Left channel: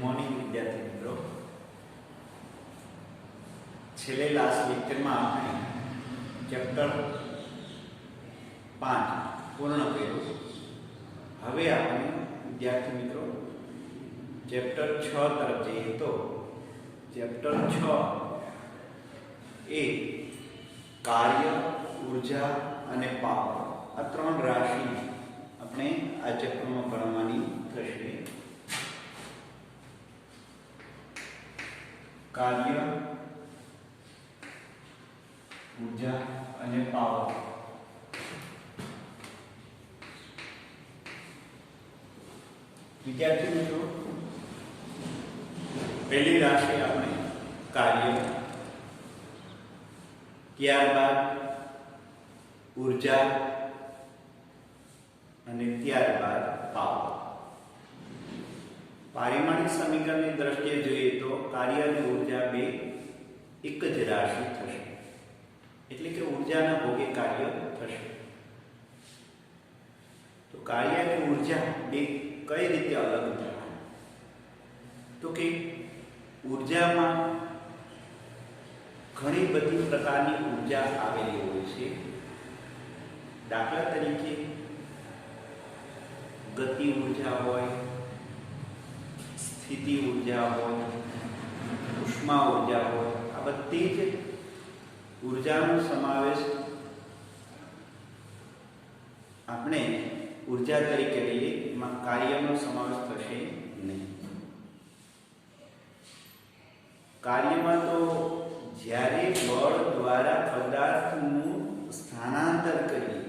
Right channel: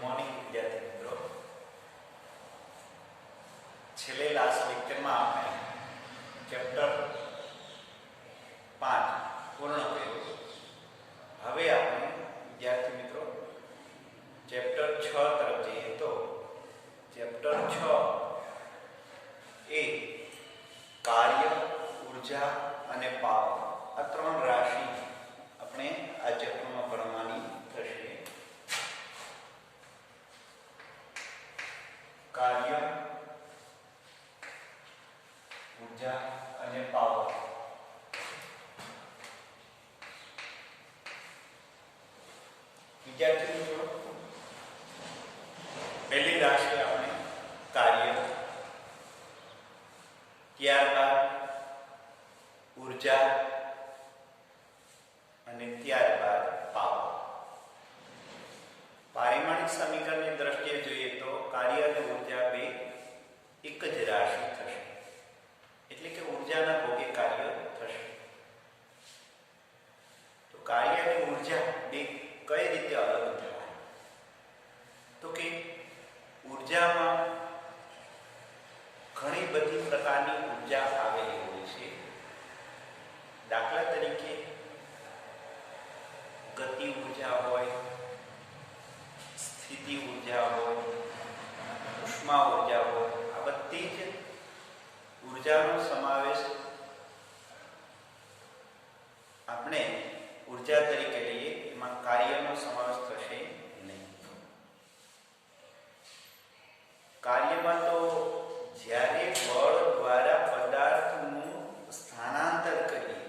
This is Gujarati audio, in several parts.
મોર્નિંગ વિદ્યાર્થી મિત્રો, છેલ્લે લાસ્ટ લેક્ચરમાં આપણે ચેપ્ટર 5 પૂર્ણ કર્યું. હવે આપણે વિદ્યાર્થી મિત્રો ચેપ્ટર 6 તરફ જઈએ. તો ચેપ્ટર 6 એ કાર્ય, ઉર્જા અને પાવર, આ ત્રણ રાશિ આપણે આ ચેપ્ટરમાં ભણવાની થશે. કાર્ય, ઉર્જા અને પાવર. વિદ્યાર્થી મિત્રો, પહેલી રાશિ આપણે કાર્ય, ત્યારબાદ ઉર્જા અને ત્યારબાદ પાવર. પારિમાણિક સમીકરણની દ્રષ્ટિએ જોઈએ તો કાર્ય અને ઉર્જા બે એક જ રાશિ થશે, એટલે કે ઉર્જાના ભોગે કાર્ય થશે. તો કાર્ય અને ઉર્જા બે કઈ રીતે અલગ થાય? તો કે ઉર્જામાં ઘણી બધી પ્રકારની ઉર્જા આવેલી હોય છે. દાખલા તરીકે ગતિ ઉર્જા હોય, સ્થિતિ ઉર્જા હોય, ઉષ્મા ઉર્જા હોય. આ બધી જ ઉર્જાનો સમાવેશ આપણે ઉર્જા તરીકે લઈએ. એમાં કાર્યનો સમાવેશ થશે નહીં. કાર્યમાં તો જ્યારે બળ દ્વારા પદાર્થનું સ્થાનાંતર કરીએ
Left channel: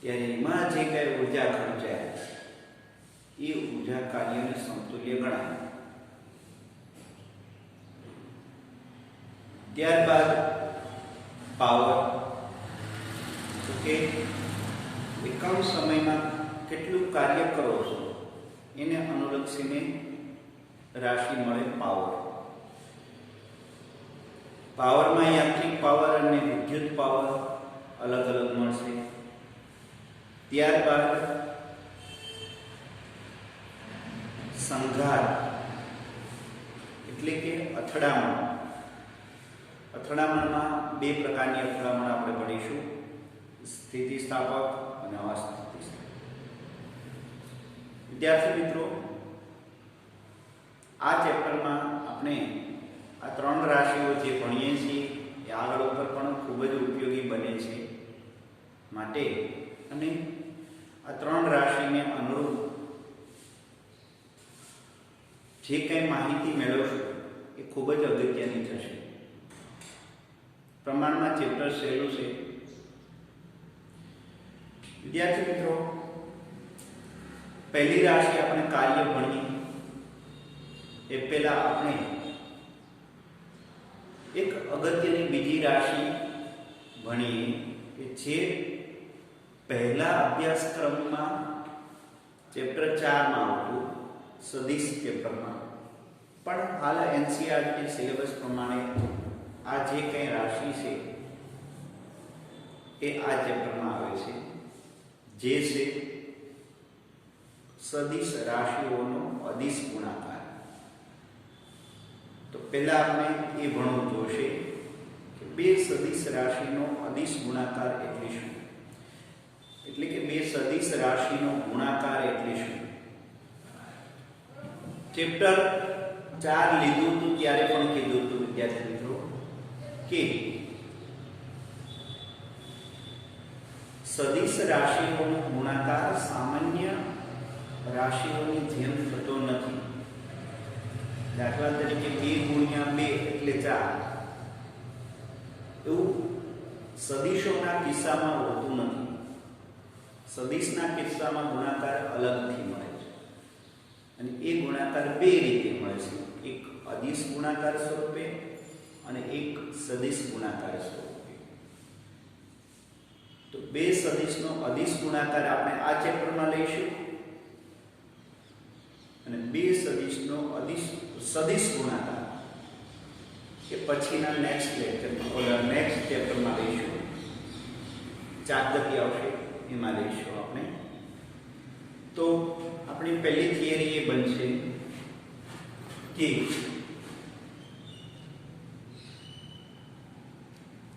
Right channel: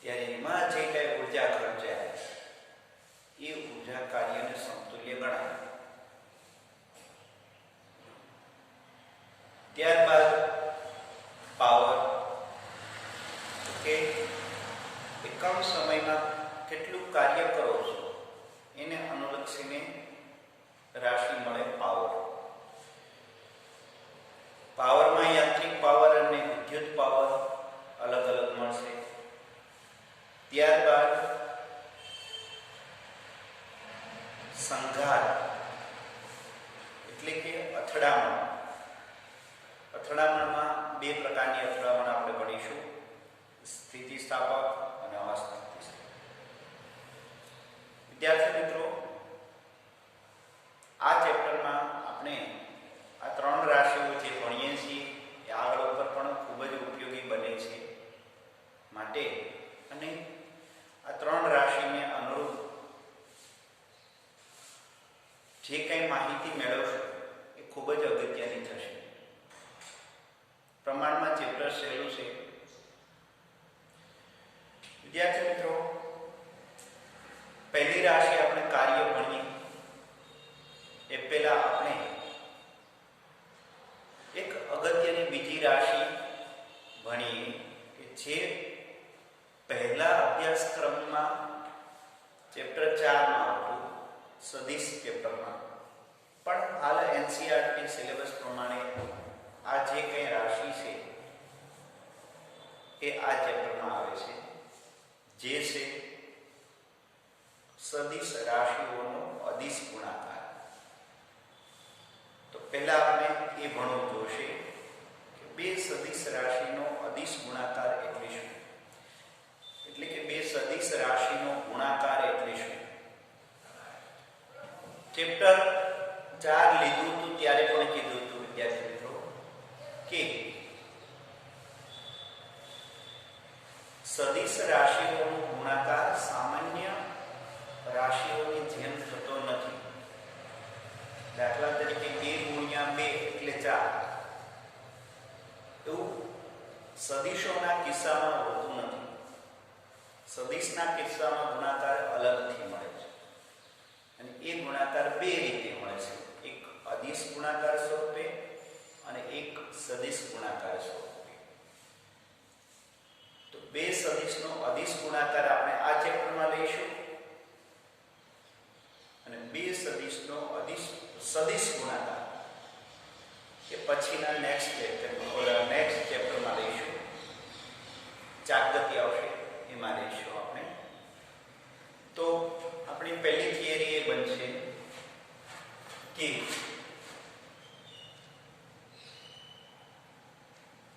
ત્યારે એમાં જે કઈ ઉર્જા ખર્ચાય એ ઉર્જા કાર્યને સમતુલ્ય ગણાય. ત્યારબાદ પાવર, તો કે એકમ સમયમાં કેટલું કાર્ય કરો છો એને અનુલક્ષીને રાશિ મળે પાવર. પાવરમાં યાંત્રિક પાવર અને વિદ્યુત પાવર અલગ અલગ મળશે. ત્યારબાદ સંઘાત એટલે કે અથડામણ. અથડામણમાં બે પ્રકારની અથડામણ આપણે ભણીશું: સ્થિતિસ્થાપક અને અસ્થિતિસ્થાપક. વિદ્યાર્થી મિત્રો, આ ચેપ્ટરમાં આપણે આ ત્રણ રાશિઓ જે ભણીએ છીએ એ આગળ ઉપર પણ ખૂબ જ ઉપયોગી બને છે. માટે અને આ ત્રણ રાશિને અનુરૂપ જે કંઈ માહિતી મેળવશો એ ખૂબ જ અગત્યની થશે. પ્રમાણમાં ચેપ્ટર સહેલું છે. વિદ્યાર્થી મિત્રો, પહેલી રાશિ આપણે કાર્ય ભણીએ એ પહેલા આપણે એક અગત્યની બીજી રાશિ ભણીએ કે જે પહેલા અભ્યાસક્રમમાં ચેપ્ટર 4 માં આવતું, સદિશ પેપરમાં. પણ હાલ એનસીઈઆરટી સિલેબસ પ્રમાણે આ જે કંઈ રાશિ છે એ આ ચેપ્ટરમાં આવે છે, જે છે સદિશ રાશિઓનો અદિશ ગુણાકાર. તો પહેલા આપણે એ ભણવું જોશે કે બે સદિશ રાશિનો અદિશ ગુણાકાર એટલે શું, એટલે કે બે સદિશ રાશિનો ગુણાકાર એટલે શું. ચેપ્ટર 4 લીધું હતું ત્યારે પણ કીધું હતું વિદ્યાર્થી મિત્રો કે સદિશ રાશિઓનો ગુણાકાર સામાન્ય રાશિઓની જેમ થતો નથી. દાખલા તરીકે 2 × 2 એટલે 4 એવું સદિશોના કિસ્સામાં હોતું નથી. સદિશના કિસ્સામાં ગુણાકાર અલગથી મળે છે અને એ ગુણાકાર બે રીતે મળે છે: એક અદિશ ગુણાકાર સ્વરૂપે અને એક સદિશ ગુણાકાર સ્વરૂપે. તો બે સદિશનો અદિશ ગુણાકાર આપણે આ ચેપ્ટરમાં લઈશું અને બે સદિશનો સદિશ ગુણાકાર એ પછીના નેક્સ્ટ ચેપ્ટરમાં લઈશું. ચાકગતિ આવશે એમાં લઈશું આપણે. તો આપણી પહેલી થિયરી એ બનશે કે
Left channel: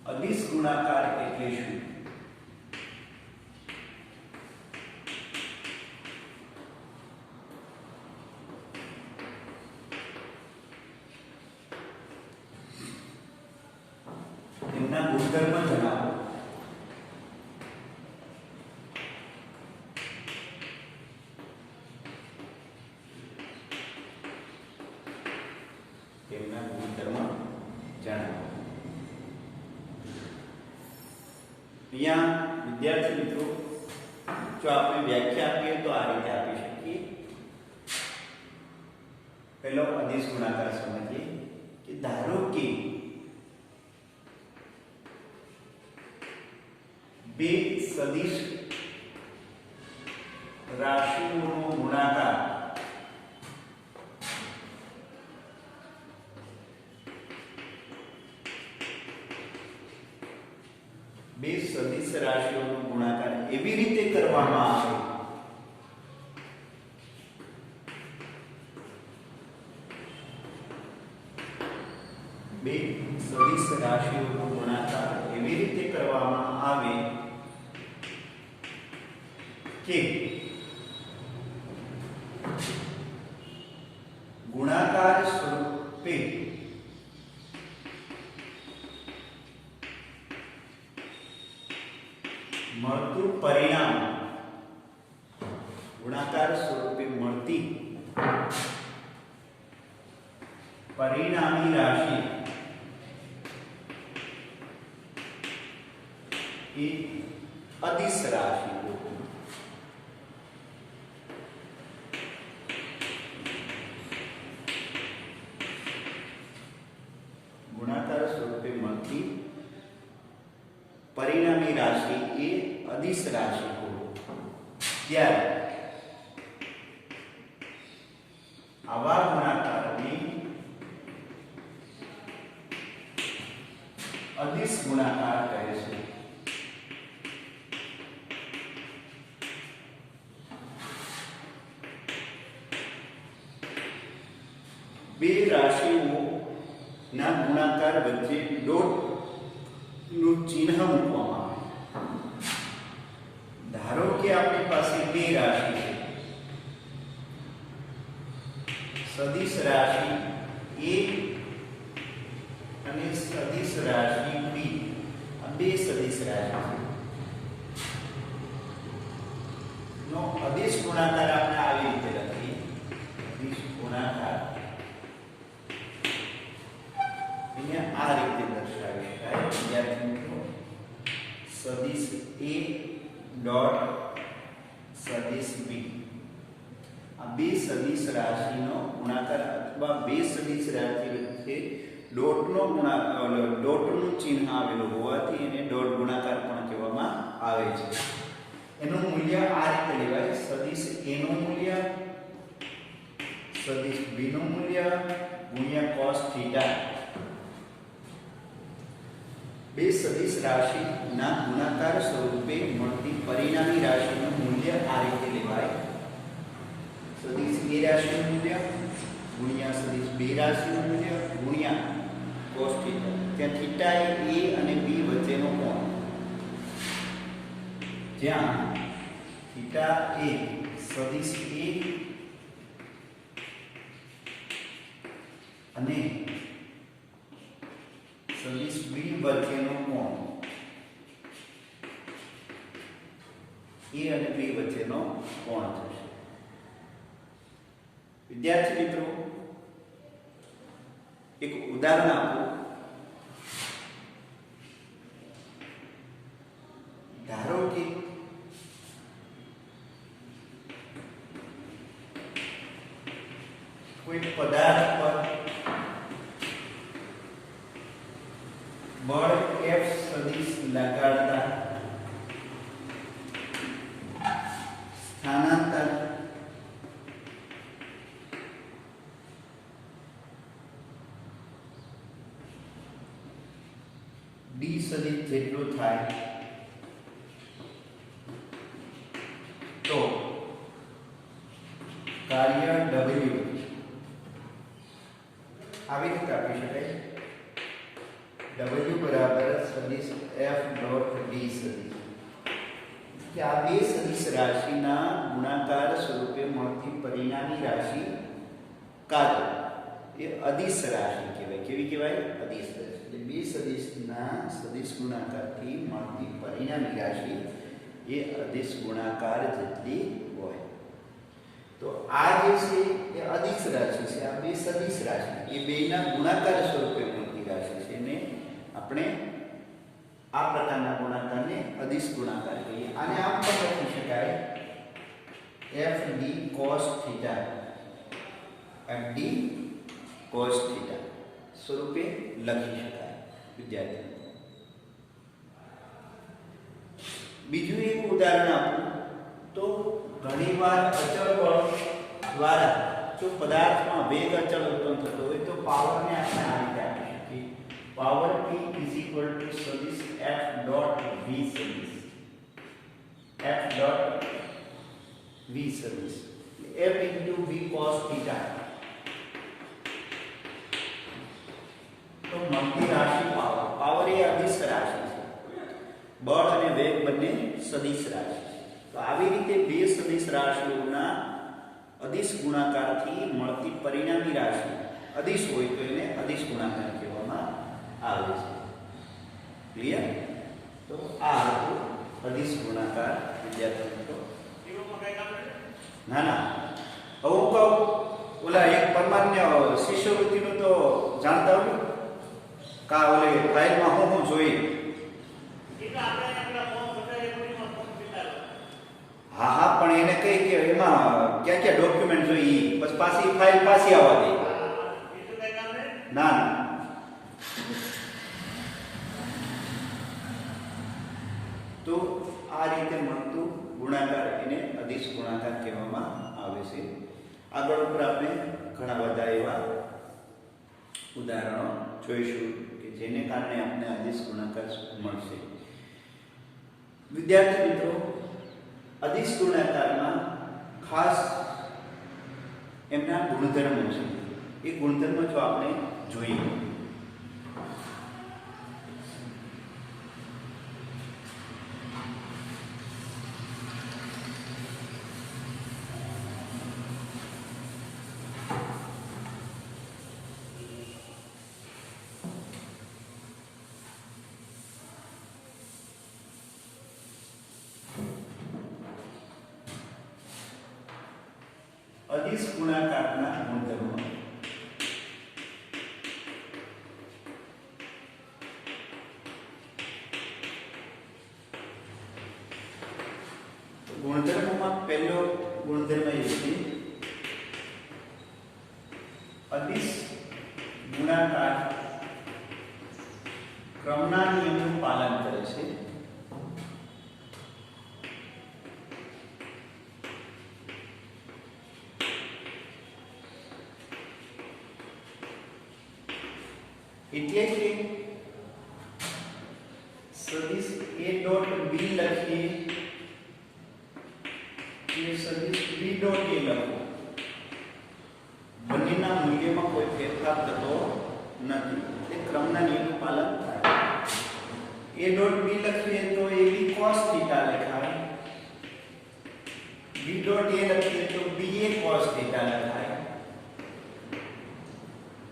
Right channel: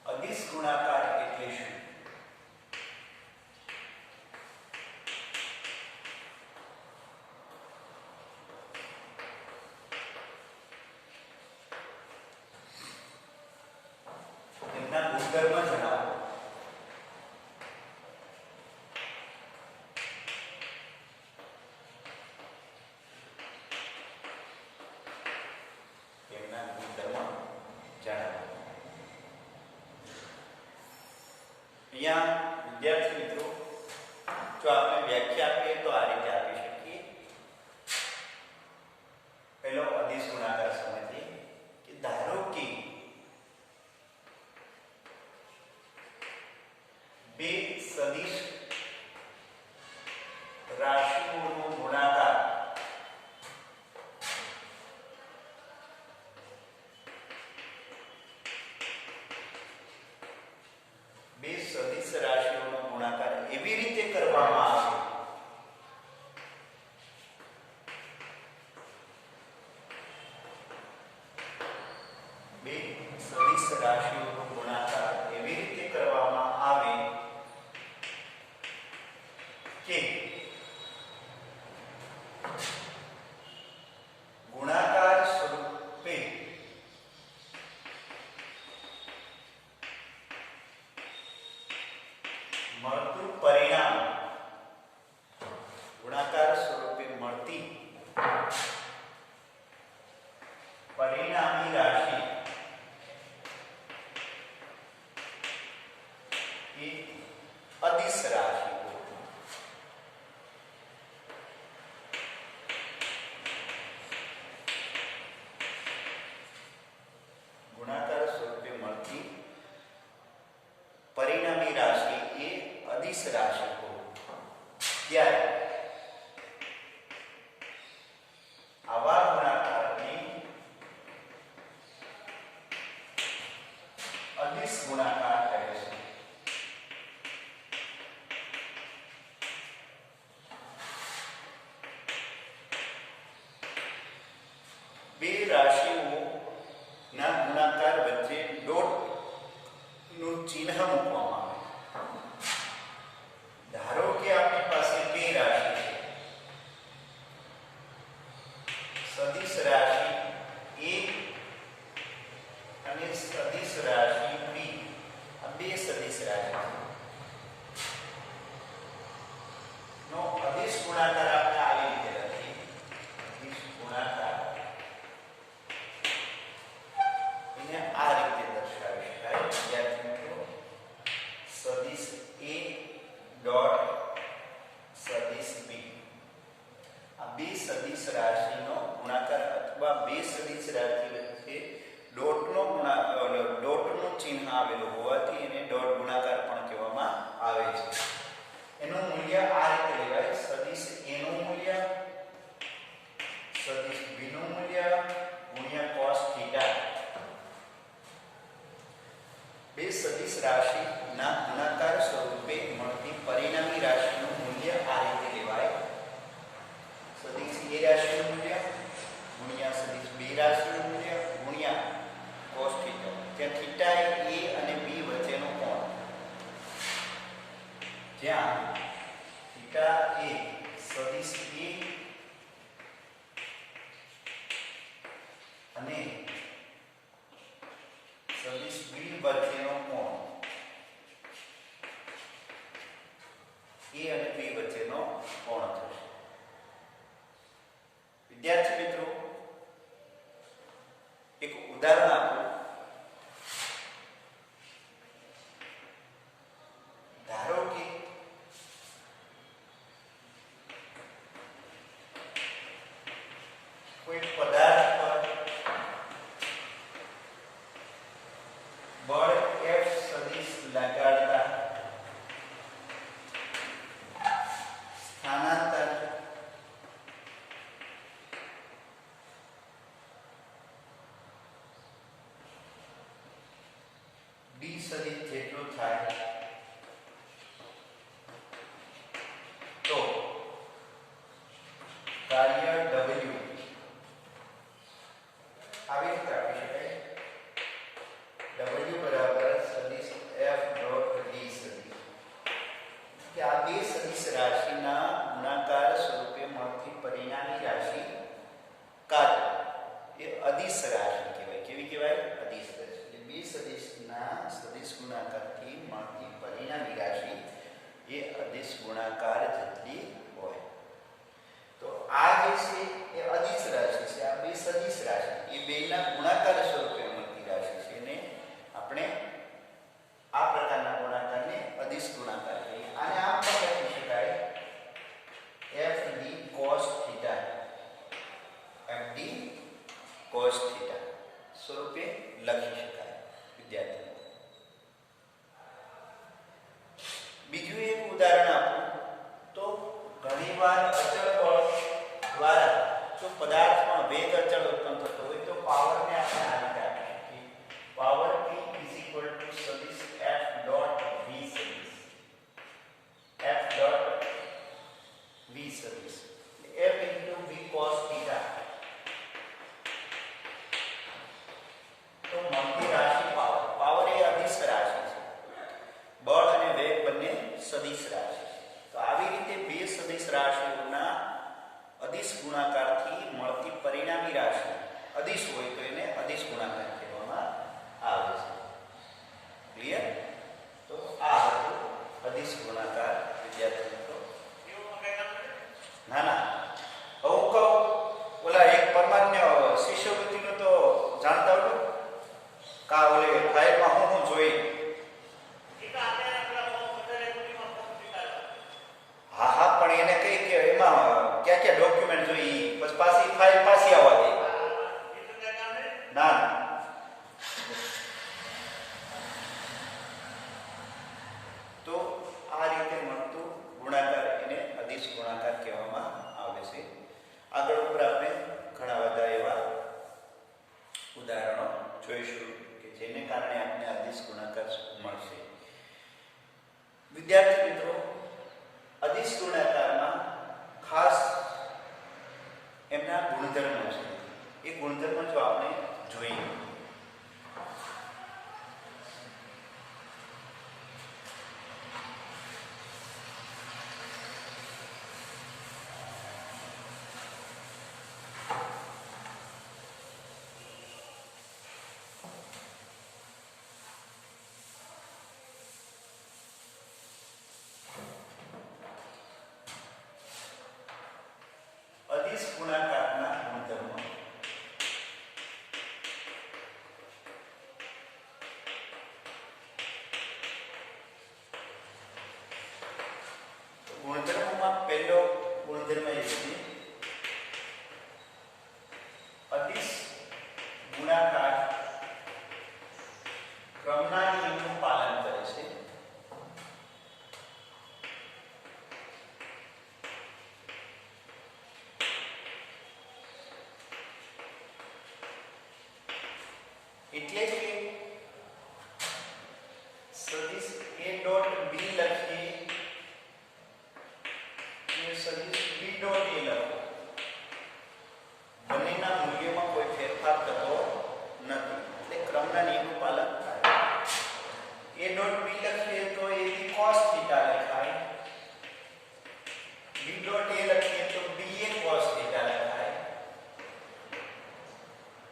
અદિશ ગુણાકાર એટલે શું? એમના ગુણધર્મ જણાવો. એમના ગુણધર્મ જણાવો. અહીંયા વિદ્યાર્થી મિત્રો, જો આપણે વ્યાખ્યા આપીએ તો આ રીતે આપી શકીએ. પહેલો અદિશ ગુણાકાર સમજીએ કે ધારો કે બે સદિશ રાશિઓનો ગુણાકાર બે સદિશ રાશિઓનો ગુણાકાર એવી રીતે કરવામાં આવે બે સદિશ રાશિઓનો ગુણાકાર એવી રીતે કરવામાં આવે કે ગુણાકાર સ્વરૂપે મળતું પરિણામ, ગુણાકાર સ્વરૂપે મળતી પરિણામી રાશિ એ અદિશ રાશિ. ગુણાકાર સ્વરૂપે મળતી પરિણામી રાશિ એ અદિશ રાશિ હોય ત્યારે આવા ગુણાકારને અદિશ ગુણાકાર કહે છે. બે રાશિઓ ના ગુણાકાર વચ્ચે ડોટ નું ચિહ્ન મૂકવામાં આવે. ધારો કે આપણી પાસે બે રાશિ છે, સદિશ રાશિ A અને સદિશ રાશિ B. આ બે સદિશ રાશિ નો અદિશ ગુણાકાર આપણે આવી રીતે લખીએ. અદિશ ગુણાકાર આ રીતે દર્શાવી શકાય. વિદ્યાર્થી મિત્રો, સદિશ A ડોટ સદિશ B. આ બે સદિશ રાશિનો ગુણાકાર અથવા બે સદિશ રાશિ વચ્ચે ડોટનું ચિહ્ન આવેલું હોવાથી એને ડોટ ગુણાકાર પણ કહેવામાં આવે છે. એનું મૂલ્ય આ રીતે લેવાય. સદિશ A નું મૂલ્ય સદિશ B નું મૂલ્ય ગુણ્યા cos થીટા. બે સદિશ રાશિના ગુણાકાર સ્વરૂપે મળતી પરિણામી રાશિનું મૂલ્ય આ રીતે લેવાય. સદિશ A રાશિનું મૂલ્ય ગુણ્યા સદિશ B રાશિનું મૂલ્ય ગુણ્યા cos થીટા. જ્યાં થીટા એ A અને B વચ્ચેનો કોણ, જ્યાં થીટા એ સદિશ A અને સદિશ B વચ્ચેનો કોણ, A અને B વચ્ચેનો કોણ થશે. વિદ્યાર્થી મિત્રો, એક ઉદાહરણ આપો. ધારો કે કોઈ પદાર્થ પર બળ F સદિશ લગાડતા સ્થાનાંતર D સદિશ જેટલું થાય તો કાર્ય W આવી રીતે આપી શકાય w બરાબર સદિશ f ડોટ v સદિશ કે આ બે સદિશ રાશિના ગુણાકાર સ્વરૂપે મળતી પરિણામી રાશિ કાર્ય એ અદિશ રાશિ કહેવાય. કેવી કહેવાય? અદિશ રાશિ. એટલે બે સદિશના સદિશ ગુણાકારથી મળતી પરિણામી રાશિ એ અદિશ ગુણાકાર જેટલી હોય. તો આ જે છે એ અદિશ રાશિ છે, આ બે સદિશ રાશિ એ બેના ગુણાકાર સ્વરૂપે મળતી રાશિ છે એને આપણે આ પ્રકારના ગુણાકારને અદિશ ગુણાકાર કહીએ. આને આમ પણ લખી શકાય fd cos θ, fd cos θ સ્વરૂપે લખી શકાય વિદ્યાર્થી. બીજું એક ઉદાહરણ આપું તો ઘણીવાર અચળ બળ દ્વારા જો પદાર્થમાં વેગ અચળ ઉત્પન્ન થતો હોય તો પાવરને આપણે આ રીતે આપી શકીએ. પાવર p સદિશ f ડોટ v સદિશ, f ડોટ v સદિશ f v cos θ. તો મળતી રાશિ પાવર, પાવર એ અદિશ રાશિ છે, બળ અને વેગ બંને સદિશ રાશિ. તો આવી રીતે બે સદિશ રાશિઓના અદિશ ગુણાકારથી મળતી પરિણામી રાશિ અદિશ હોય તો એને અદિશ ગુણાકાર કહેવામાં આવે છે. ક્લિયર? તો આ હતું અદિશ ગુણાકાર વિદ્યાર્થી મિત્રો. ના ના, હું કહું ઓલા એક પરમાન્ય શિષ્યવૃત્તિનું તો જાણતા હોય કા ઓલે ફાઇલમાં હું જોઈ. હા હા, પણ એને કઈ કે એમાં ક્યાં ક્યાં ડોક્યુમેન્ટ જોઈએ પછી પાછી ફાઇલ પાછી આવવા દે. ના ના, તો આ રીતે મળતું ગુણાકાર એને અદિશ ગુણાકાર કહેવામાં આવે છે. આગળ ઉપર આપણે ઘણા બધા એવા ઉદાહરણો જોઈશું કે જેને કારણે આપણે અદિશ ગુણાકાર મળશે. વિદ્યાર્થી મિત્રો, અદિશ ગુણાકારમાં ખાસ એમના ગુણધર્મો છે. એ ગુણધર્મો જો આપણે જોઈએ અદિશ ગુણાકારના ગુણધર્મો. ગુણધર્મોમાં પહેલો ગુણધર્મ એ છે અદિશ ગુણાકાર ક્રમના નિયમનું પાલન કરે છે. એટલે કે સદિશ a ડોટ b લખીએ કે સદિશ b ડોટ a લખો, બંનેના મૂલ્યમાં કોઈ ફેરફાર થતો નથી. એ ક્રમના નિયમનું પાલન થાય. a ડોટ b લખીએ તો a b cos θ લખાય, b ડોટ a લખીએ તો b a cos θ લખાય.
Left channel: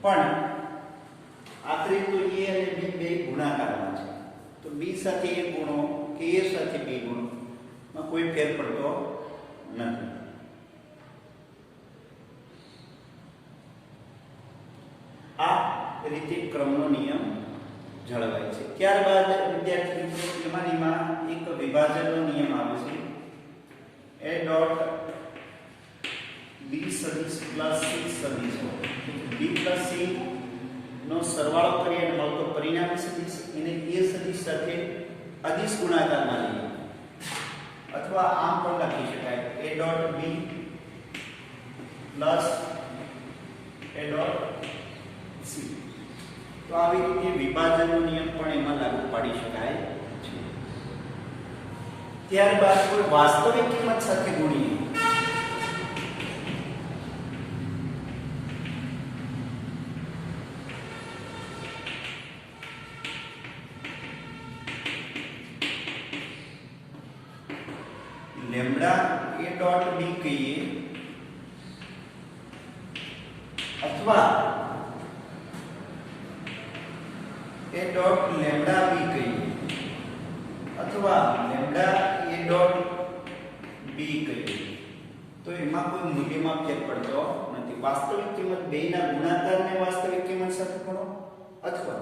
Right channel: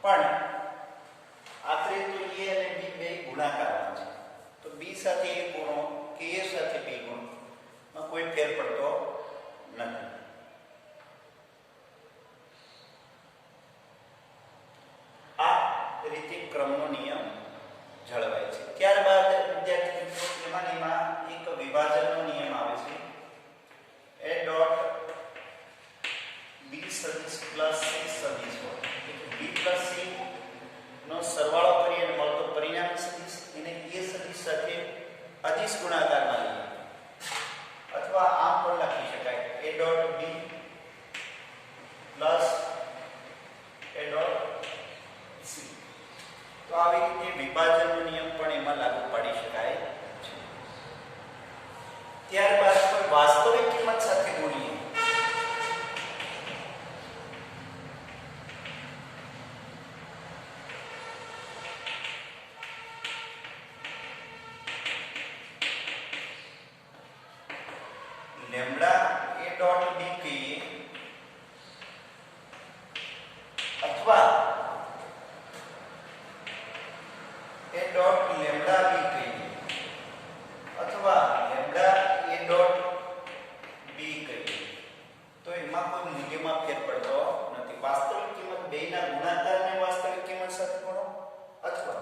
પણ આખરે તો a અને b બે ગુણાકારમાં છે, તો b સાથે a ગુણો કે a સાથે b ગુણો માં કોઈ ફેર પડતો નથી. આ રીતે ક્રમનો નિયમ જળવાય છે. ત્યારબાદ વિદ્યાર્થી મિત્રો એમાં એક વિભાજનનો નિયમ આવે છે. a ડોટ b સદિશ પ્લસ c સદિશ હોય, b પ્લસ c નો સરવાળો કરીએ અને મળતો પરિણામી સદિશ એને a સદિશ સાથે અદિશ ગુણાકારમાં લઈએ, અથવા આમ પણ લખી શકાય a dot b plus a dot c. તો આવી રીતે વિભાજનનો નિયમ પણ એમાં લાગુ પાડી શકાય છે. ત્યારબાદ કોઈ વાસ્તવિક કિંમત સાથે ગુણીએ લેમ્ડા એ ડોટ બી કહીએ અથવા એ ડોટ લેમ્ડા બી કહીએ અથવા લેમ્ડા એ ડોટ બી કહીએ તો એમાં કોઈ મૂલ્યમાં ફેર પડતો નથી. વાસ્તવિક કિંમત બેયના ગુણાકારને વાસ્તવિક કિંમત સાથે કરો અથવા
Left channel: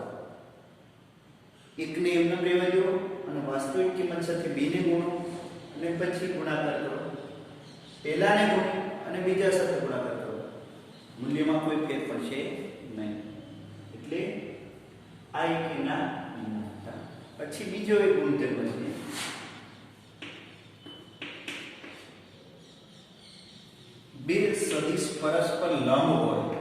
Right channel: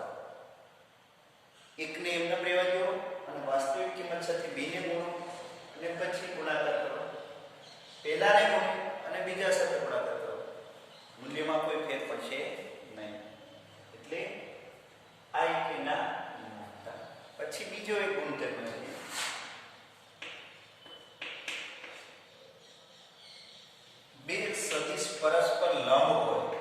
એકને એમને રહેવા દો અને વાસ્તવિક કિંમત સાથે b ને ગુણો અને પછી ગુણાકાર કરો. પહેલાને ગુણો અને બીજા સાથે ગુણાકાર કરો. મૂલ્યમાં કોઈ ફેર પડશે નહીં. એટલે આ એકના ગુણોત્તર. પછી બીજો એક ગુણધર્મ છે બે સદિશ પરસ્પર લંબ હોય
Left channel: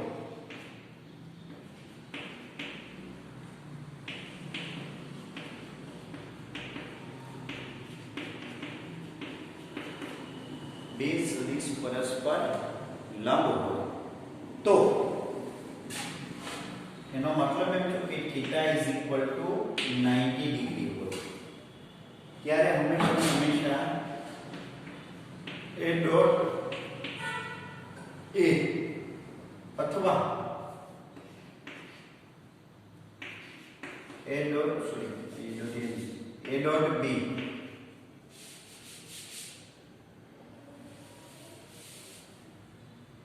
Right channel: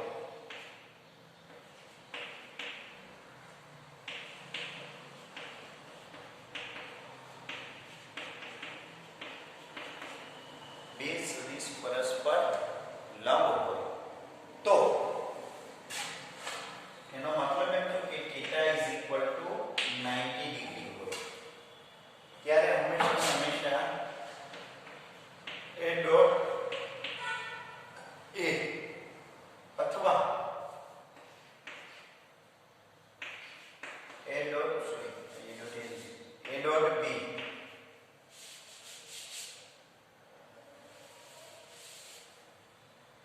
બે સદિશ પરસ્પર લંબ હોય તો એનો મતલબ એમ કે θ = 90 ડિગ્રી હોય ત્યારે હંમેશા એ ડોટ એ અથવા a dot b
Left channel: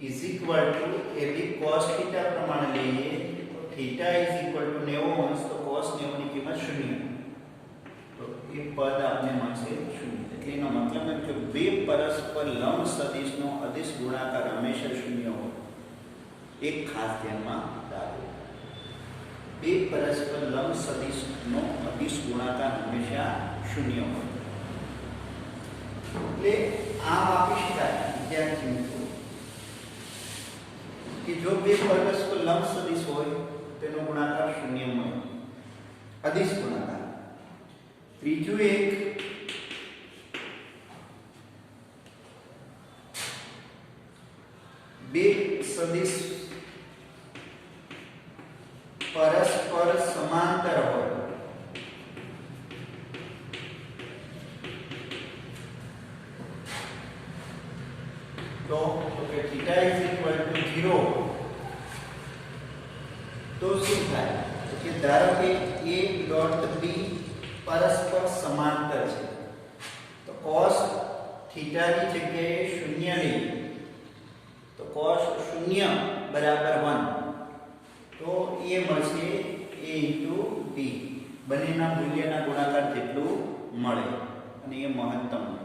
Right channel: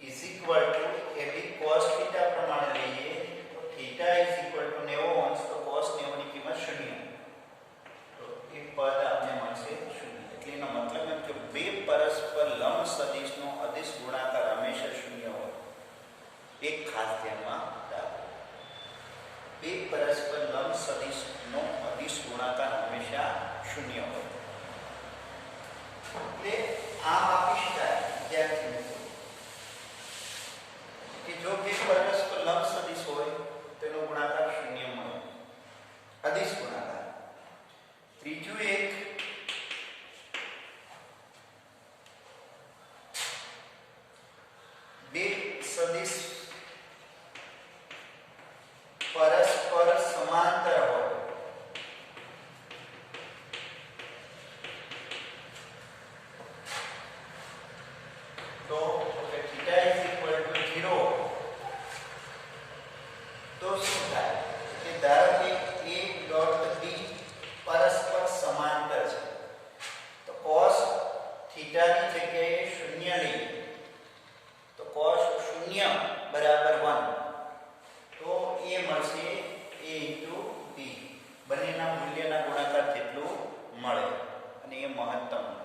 is equal to AB cos θ પ્રમાણે લઈએ તો θ = 90 અંશ તો cos 90 ની કિંમત 0 તો એ પદ આપને મળશે 0. એટલે એનો મતલબ એમ કે બે પરસ્પર લંબ સદિશનો અદિશ ગુણાકાર હંમેશા 0 હોય. એક ખાસ ધ્યાનમાં રાખો. બે પરસ્પર લંબ સદિશનો અદિશ ગુણાકાર હંમેશા 0 હોય. એટલે આમ આપી શકાય વિદ્યાર્થી મિત્રો કે જો બે પરસ્પર લંબ સદિશ હોય તેનો ગુણાકાર 0 મળે, અદિશ ગુણાકાર. ત્રીજું એક બે સદિશ પરસ્પર સમાંતર હોય તો કે θ = 0 તો શું થાય કે ધારો કે a ડોટ b પરસ્પર સમાંતર છે તો cos θ ની જગ્યાએ 0 લઈએ તો cos 0 = 1 તો એ મળશે a * b. બંનેના મૂલ્યના ગુણાકાર કેટલું મળે અને એ મહત્તમ મળે.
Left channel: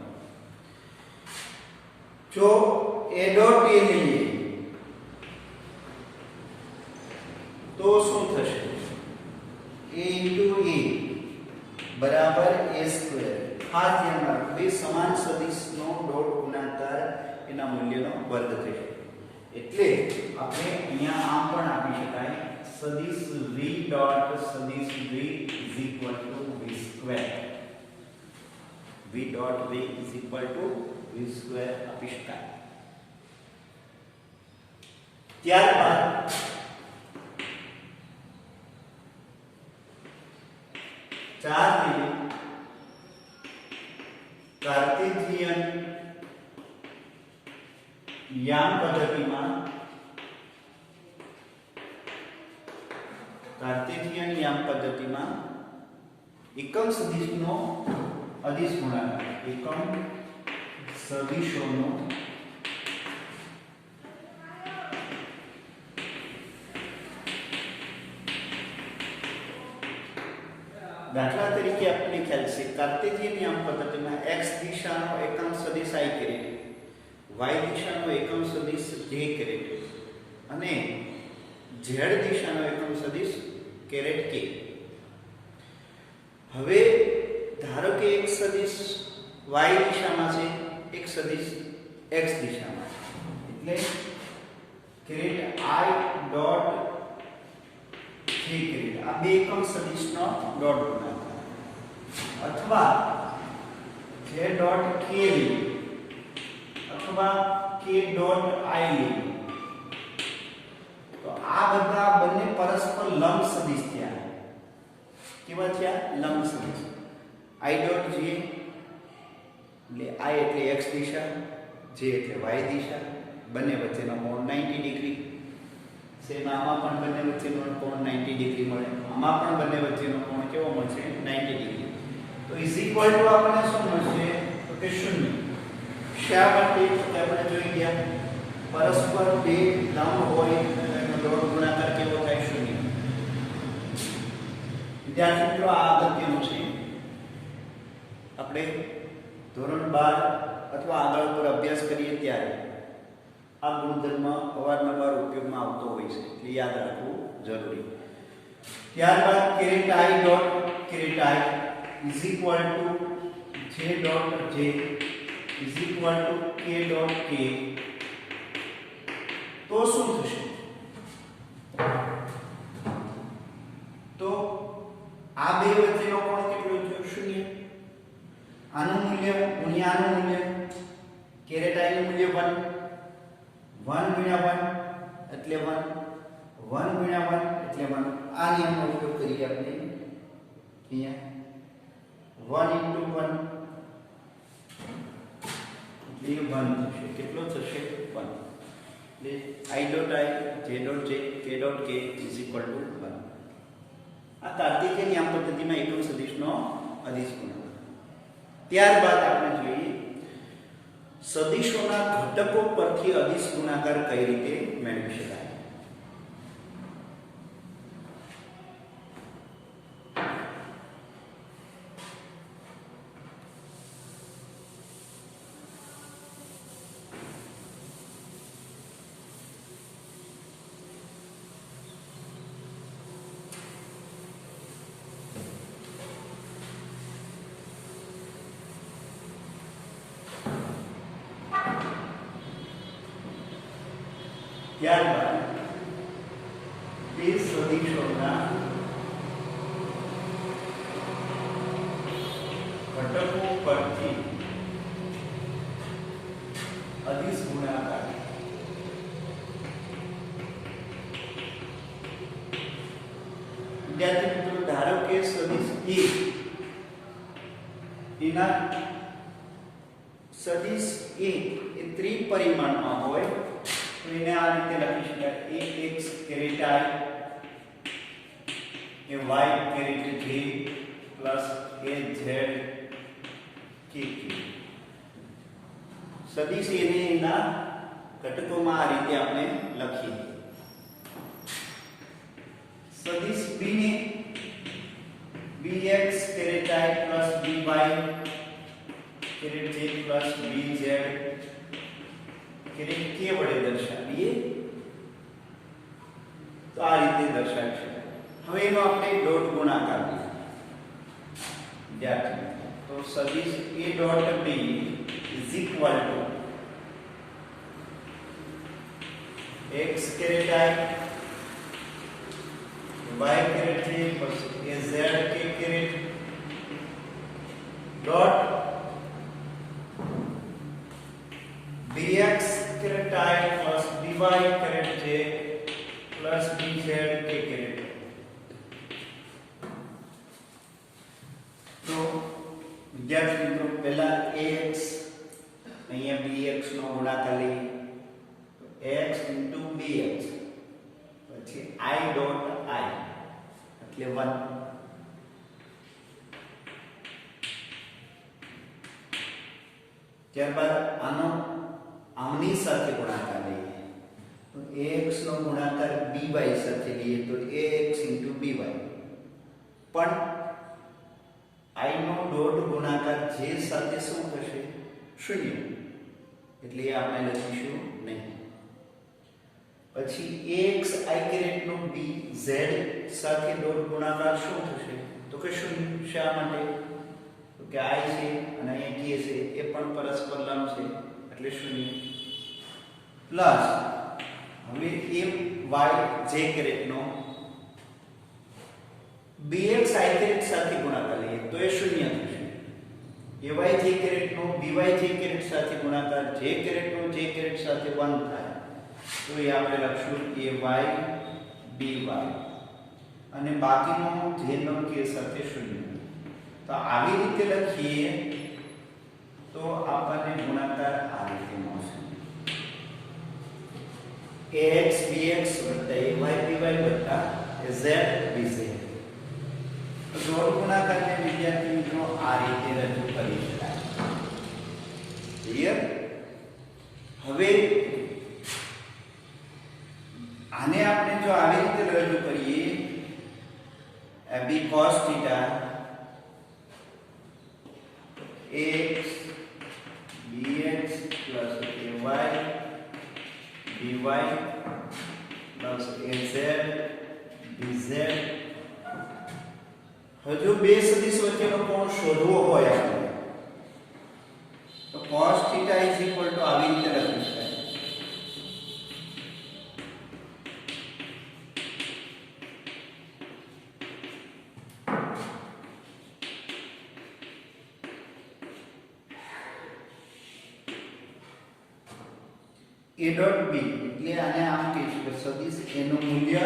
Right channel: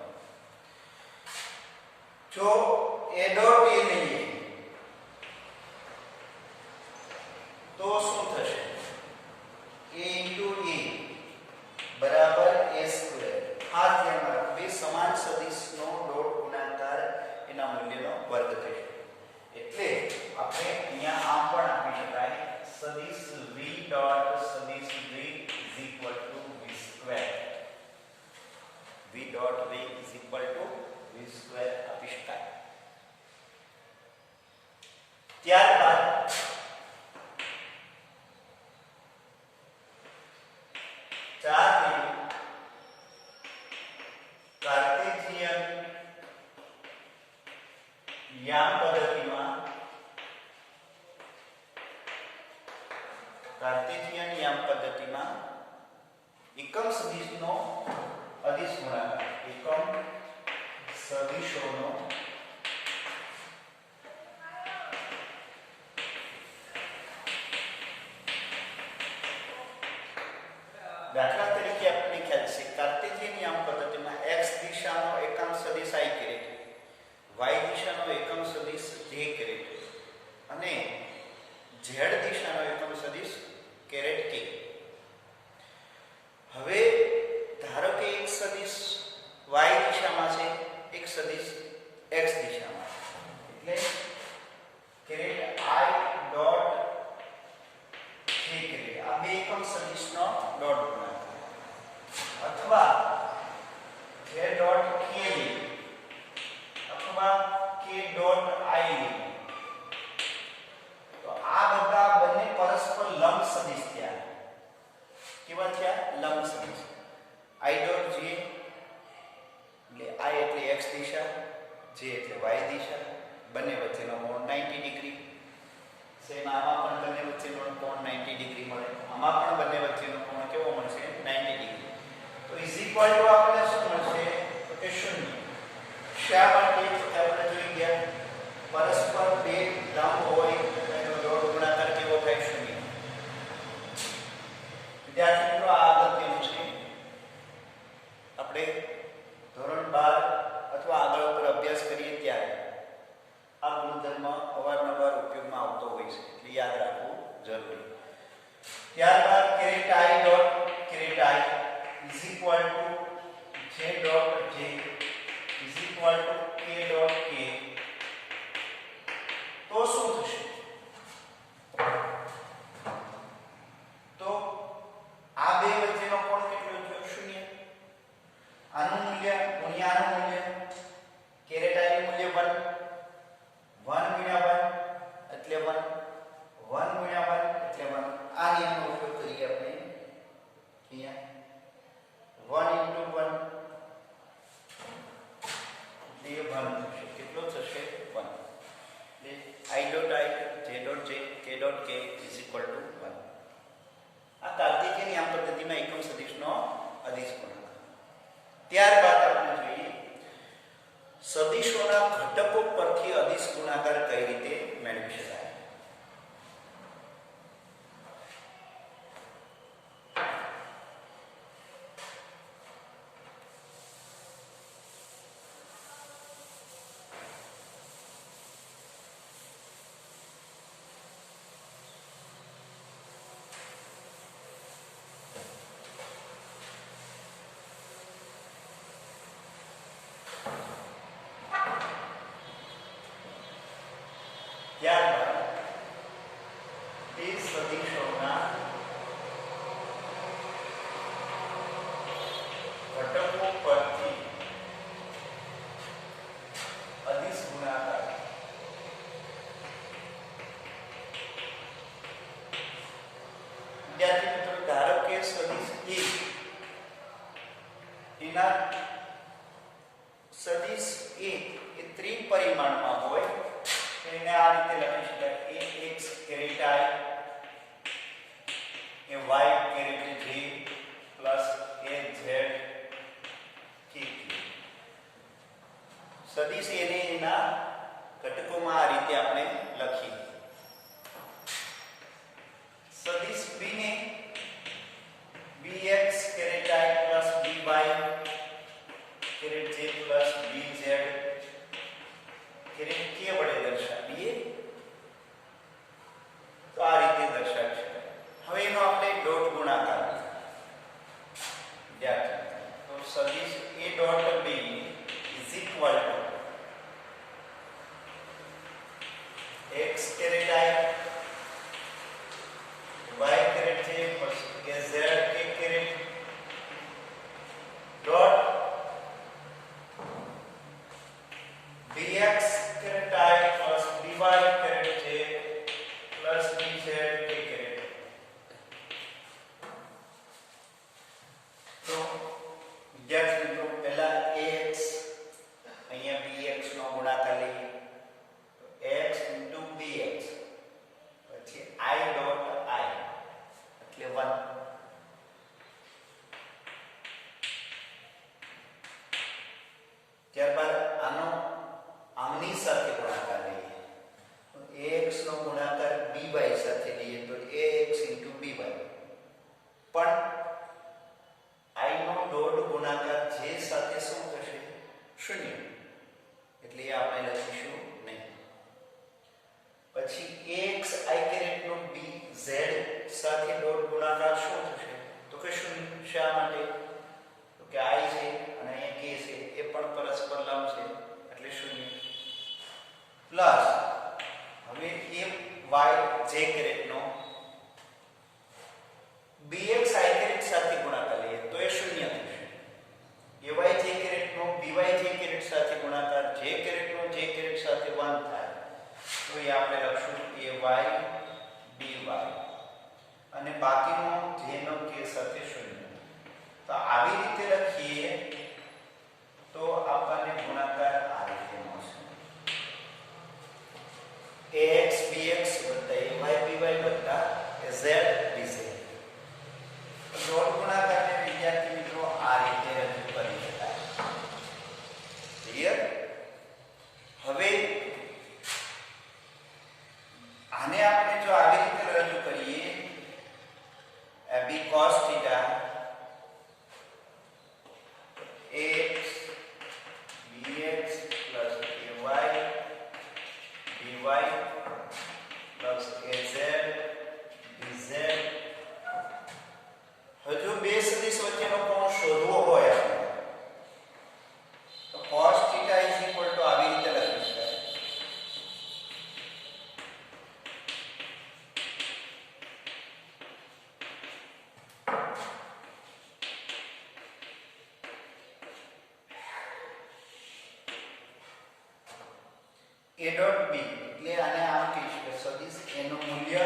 જો a ડોટ a લઈએ તો શું થશે a * a = a². ખાસ ધ્યાન રાખો બે સમાન સદિશનો ડોટ ગુણાકાર એના મૂલ્યનો વર્ગ થશે. એટલે આપણે અહીંયા આમ પણ આપી શકાય સદિશ v ડોટ સદિશ v = v². v dot v = v² આપી શકાય. ત્યારબાદ કાર્ટેશિયન યામ પદ્ધતિમાં એકમ સદિશનો અદિશ ગુણાકાર એકમ સદિશોનો દાખલા તરીકે આપણે ખ્યાલ છે કાર્ટેશિયન યામ પદ્ધતિમાં x દિશાનો એકમ સદિશ i કેરેટ, y દિશાનો એકમ સદિશ j કેરેટ અને z દિશાનો એકમ સદિશ કેરેટ k. હવે ધારો કે એક સદિશ y દિશામાં છે, એક સદિશ x દિશામાં છે, એટલે caret i dot j caret આ બે એકમ સદિશનો ડોટ ગુણાકાર અથવા j ડોટ k લઈએ અથવા k ડોટ i લઈએ તો આ બધા બંને પરસ્પર લંબ સદિશ થયા. કેવા થયા? લંબ સદિશ. i ડોટ j એટલે I એટલે x દિશા, J એટલે y દિશા, બંને વચ્ચેનો કોણ 90 ડિગ્રી. સેમ આમાં પણ બંને વચ્ચેનો કોણ 90 ડિગ્રી મળે, આમાં પણ બંને વચ્ચેનો કોણ કેવો મળશે 90 ડિગ્રી. તો ઇઝ ઇક્વલ ટુ આપણને શું મળશે તો કે 0. શા માટે આપણે જોઈ ગયા પરસ્પર બે લંબ હોય એનો ડોટ ગુણાકાર કેવો થાય 0. વિદ્યાર્થી મિત્રો આ અગત્યનું છે. આપણે ધોરણ 12 અથવા આગળ ઉપર અભ્યાસ કરીએ ત્યારે આ ગુણધર્મ અવારનવાર ઉપયોગમાં આવતો હોય છે એટલે યાદ રાખવું જરૂરી. ત્યારબાદ caret I dot caret I is equal to J dot J is equal to K dot K. તો શું થશે તો આ બે વચ્ચેનો કોણ કેટલો છે 0. આનું મૂલ્ય ગુણ્યા આનું મૂલ્ય કેરેટ I નું મૂલ્ય 1 ગુણ્યા 1 એટલે 1 ગુણ્યા 1 એટલે 1. આ નિયમનો ઉપયોગ કરીએ આપણે અહીંયા 1 into 1 એટલે 1 થશે. કેટલો થશે 1. એટલે I dot I J dot J K dot K is equal to 1. આ કાર્તિકીય નિયમ પદ્ધતિમાં એકમ સદિશનો અદિશ ગુણાકાર. ત્યારબાદ આપણે જોઈએ સદિશોના ઘટકો પરથી અદિશ ગુણાકાર કઈ રીતે મેળવી શકાય. ત્યારબાદ તે સદિશોના ઘટકો પરથી અદિશ ગુણાકાર વિદ્યાર્થી મિત્રો ધારો કે સદિશ A એના સદિશ A એ ત્રિપરિમાણમાં હોય તો એને આ રીતે લખી શકાય ax caret I a y caret J plus az k. સદિશ એને એના ઘટકોમાં આ રીતે આપણે લખીએ. સદિશ b ને bx caret I plus by caret J plus bz caret k વડે દર્શાવીએ તો આ રીતે દર્શાવી શકાય. હવે એનો આપણે ડોટ ગુણાકાર વિદ્યાર્થી તો સદિશ a dot b is equal to x caret I y caret J plus az k caret dot dx caret I plus dy caret J plus dz k caret. તો વિદ્યાર્થી મિત્રો પહેલા ax અહીંયા bx નો ગુણાકાર લઈએ તો x * bx પછી I dot I એટલે 1. ત્યારબાદ આનો આમની સાથે ગુણાકાર લઈએ તો ax નો ગુણાકાર by સાથે લઈએ તો ax * by. પણ I નો ડોટ ગુણાકાર j સાથે શું થશે 0 એટલે એ આપણે લખીશું નહીં. પછી ax I કેરેટ નો bz સાથે ડોટ ગુણાકાર શું થશે તો કે 0. શા માટે તો કે I છે અને અહીંયા k છે એ પણ પરસ્પર લંબ છે એટલે 0 પ્લસ હવે y j કેરેટ નો bx I કેરેટ સાથે ગુણાકાર લઈએ તો એ 0 થશે. ay j કેરેટ નો by j કેરેટ સાથે ગુણાકાર j કેરેટ નો j કેરેટ સાથે 1 થાય તો એ આપણે લખશું ay by અને બાકીનો j નો k સાથે 0. તો આવી રીતે લખીએ તો આપણને ગુણાકાર આ રીતે મળશે ax bx ay by z dz. Dot ગુણાકારને વિદ્યાર્થી મિત્રો આ રીતે રજૂ કરી શકાય. ક્લિયર? હવે આને આપણે જો આવી રીતે રજૂ કરીએ b cos theta x dx plus ay dy plus az dz. હજુ બે સદિશ વચ્ચેનો કોણ શોધવો હોય આપણે તો cos theta આવી રીતે લખી શકાય. a dot b એટલે આને આમ કહીશું કે સદિશ a નું મૂલ્ય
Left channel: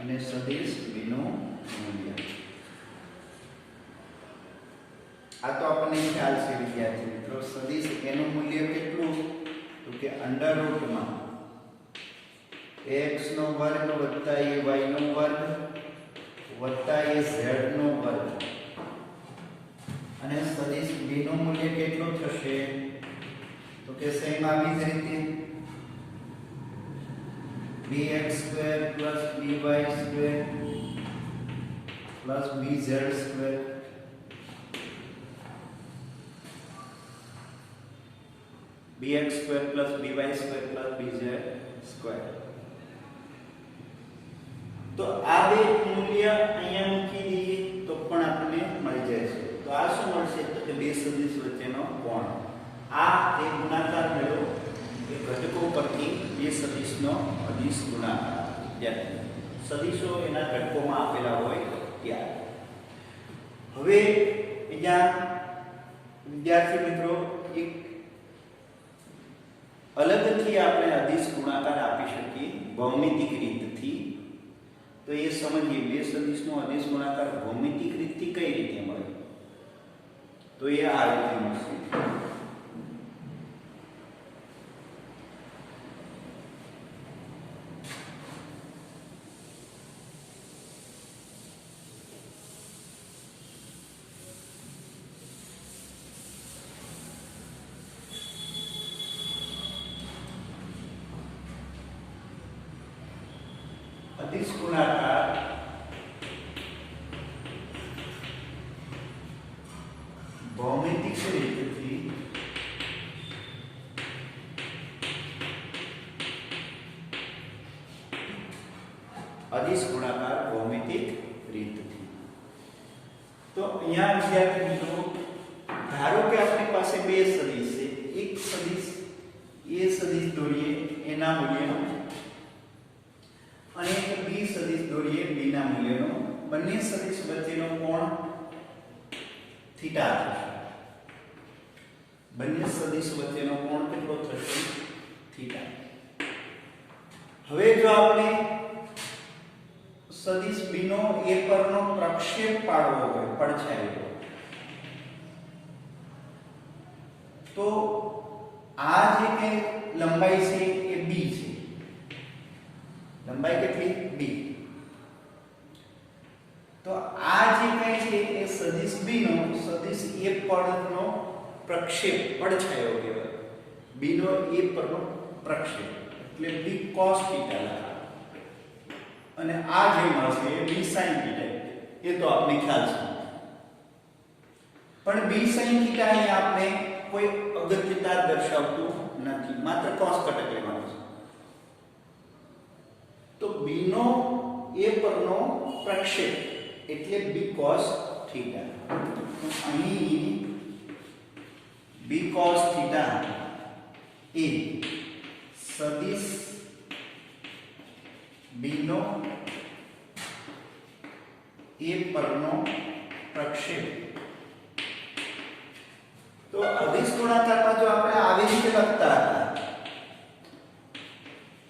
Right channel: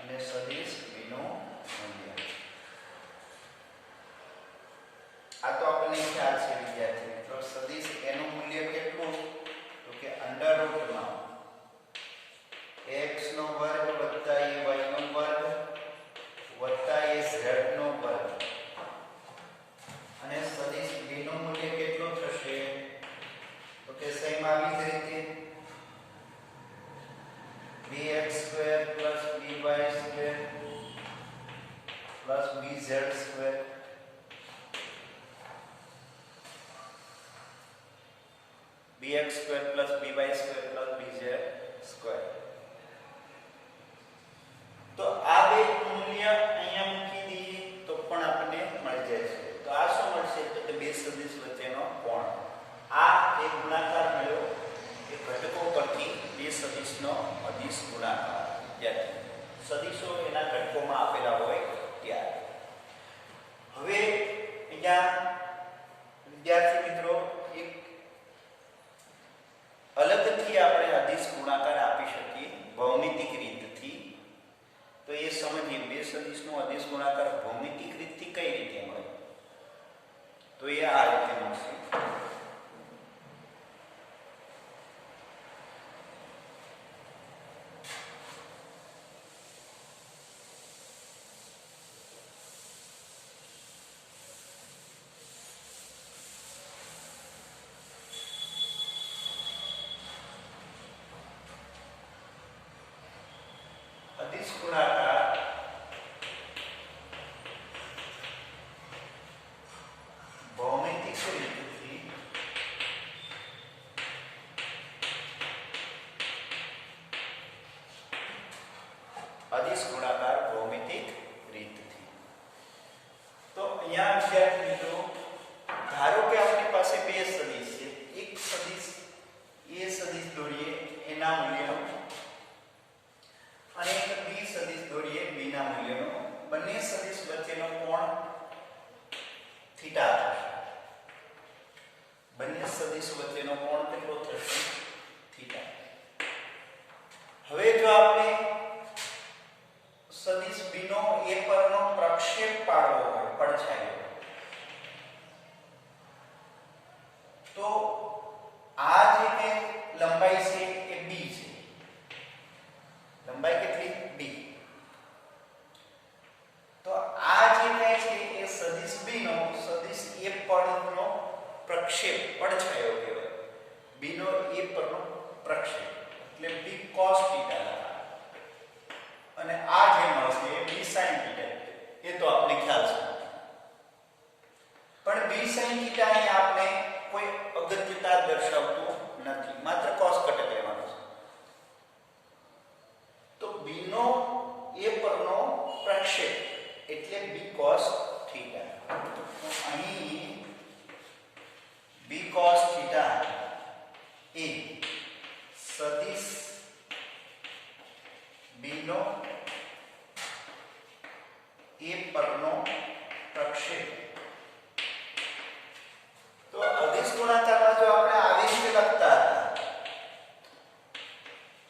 અને સદિશ b નું મૂલ્ય. આ તો આપણને ખ્યાલ છે વિદ્યાર્થી મિત્રો. સદિશ a નું મૂલ્ય કેટલું તો કે √ માં x નો વર્ગ વત્તા y નો વર્ગ વત્તા az નો વર્ગ અને સદિશ b નું મૂલ્ય કેટલું થશે તો કે સેમ આવી જ રીતે bx² + by² + bz². bx² + by² + bz². તો આ બે મૂલ્ય અહીંયા મૂકી દઈએ તો પણ આપણને મળી જાય છે. તો આ શું મળશે તો કે બે સદિશ વચ્ચેનો કોણ. આ એક ગુણાકાર મળ્યો એ ઘટકો પરથી બે સદિશનો અદિશ ગુણાકાર. સદિશો એના ઘટકોમાં આપેલા હોય ત્યારે. હવે અહીંયા વિદ્યાર્થી મિત્રો એક અલગથી આપણે અદિશ ગુણાકાર આપી શકીએ ભૌમિતિક રીતથી. તો એ સમજીએ બે સદિશનો અદિશ ગુણાકાર ભૌમિતિક રીતથી કઈ રીતે મળે તો એ આ રીતે મળશે. અદિશ ગુણાકાર ભૌમિતિક રીતથી અદિશ ગુણાકાર ભૌમિતિક રીતથી. તો અહીંયા વિદ્યાર્થી મિત્રો ધારો કે આપણી પાસે બે સદિશ છે. એક સદિશ એ સદિશ દોરીએ એના મૂલ્યનો અને એક બી સદિશ દોરીએ બી ના મૂલ્યનો. બંને સદિશ વચ્ચેનો કોણ થીટા થશે. બંને સદિશ વચ્ચેનો કોણ કેટલો થશે થીટા. હવે જો આપણે સદિશ બી નો એ પરનો પ્રક્ષેપ પાડવો હોય પડછાયો તો આ જે કે લંબાઈ છે એ બી છે. લંબાઈ કેટલી b. તો આ જે કઈ છે એ સદિશ b નો સદિશ a પરનો પ્રક્ષેપ પડછાયો કહેવાય. b નો a પરનો પ્રક્ષેપ એટલે b cos θ અને આ જે મળશે એ b sin θ. એ તો આપને ખ્યાલ છે. પણ b sin θ અહીં આપણે કોઈ અગત્યતા દર્શાવતું નથી. માત્ર cos ઘટક લેવાનું છે. તો b નો a પરનો પ્રક્ષેપ એટલે b cos θ. તો અહીં b cos θ એ સદિશ b નો a પરનો પ્રક્ષેપ. તો અદિશ ગુણાકારમાં જો આપણે આવી રીતે લખતા હતા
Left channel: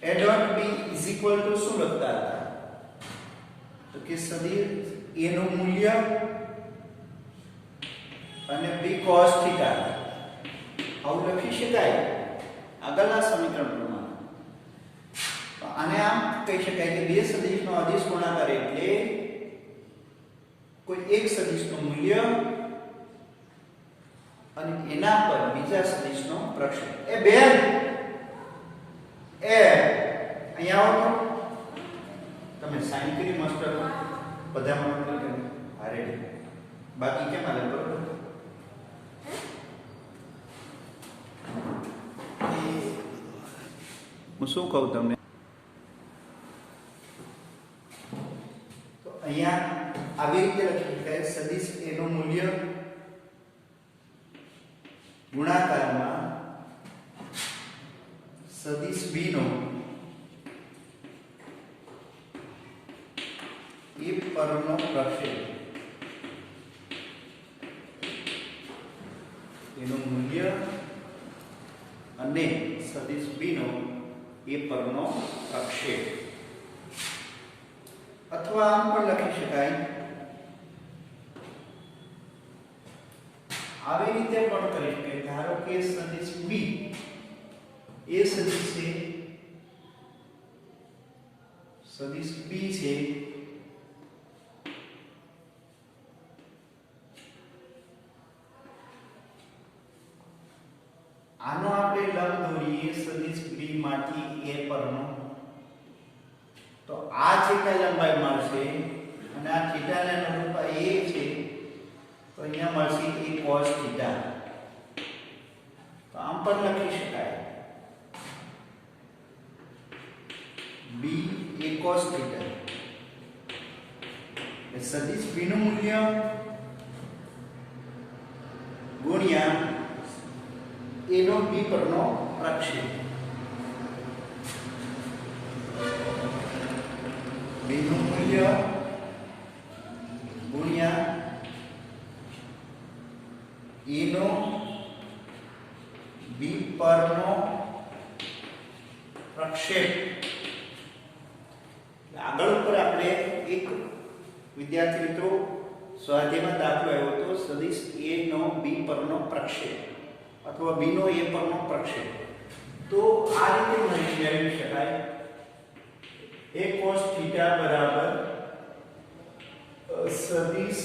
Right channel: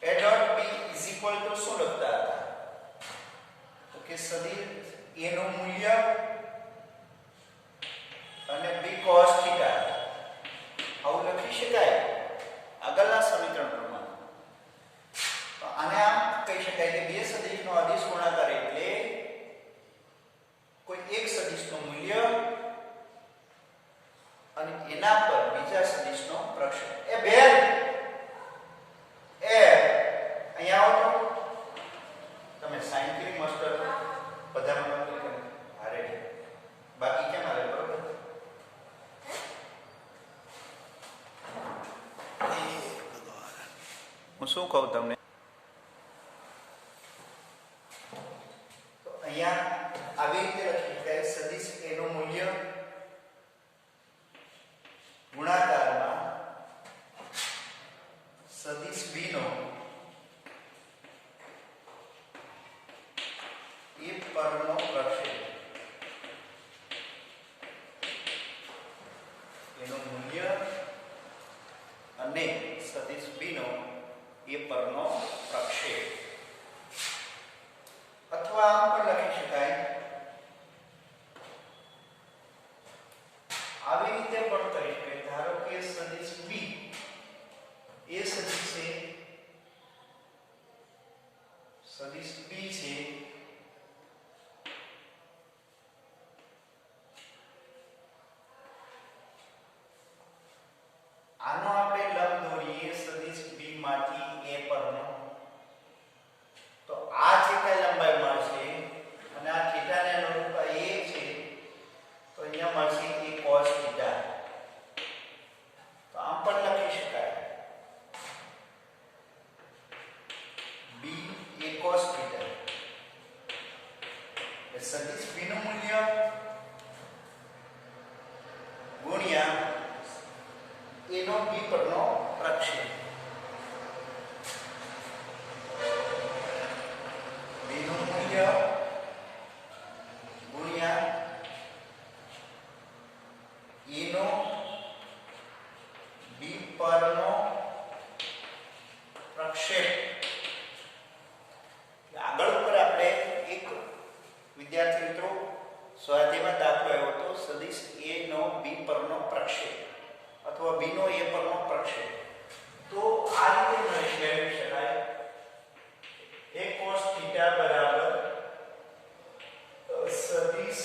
a dot b is equal to શું લખતા હતા તો કે સદિશ a નું મૂલ્ય અને b cos θ આવું લખી શકાય આગળના સમીકરણ પ્રમાણે. આને આમ કહી શકાય કે બે સદિશનો અદિશ ગુણાકાર એટલે કોઈ એક સદિશનું મૂલ્ય અને એના પર બીજા સદિશનો પ્રક્ષેપ. એ બેન એ અહીંયા આવો તો તમે સાઈન કરી માસ્ટર બધામાં નોંધ કરી હારે બાકી કેમ હાલે બરોબર. હું શું કહું તમને તો અહીંયા આવી રીતે લખી શકાય સદિશ એનું મૂલ્ય ગુણાકારમાં સદિશ b નો એ પરનો પ્રક્ષેપ એનું મૂલ્ય અને સદિશ b નો એ પરનો પ્રક્ષેપ. અથવા આમ પણ લખી શકાય આવી રીતે પણ કરી શકાય. ધારો કે સદિશ b એ સદિશ છે સદિશ b છે આનો આપણે લંબ દોરીએ સદિશ b માંથી a પરનો તો આ જે કઈ લંબાઈ મળશે અને આ θ ને અનુરૂપ a છે તો અહીંયા મળશે a cos θ. તો આમ પણ લખી શકાય b a cos θ એ સદિશ b નું મૂલ્ય ગુણ્યા એનો b પરનો પ્રક્ષેપ. b નું મૂલ્ય ગુણ્યા એનો b પરનો પ્રક્ષેપ. આગળ ઉપર આપણે એક વિદ્યાર્થી મિત્રો સ્વાધ્યાયમાં દાખલો આવ્યો હતો સદિશ a નો b પરનો પ્રક્ષેપ અથવા b નો a પરનો પ્રક્ષેપ. તો આ રીતે મેળવી શકાય a cos θ બરાબર સદિશ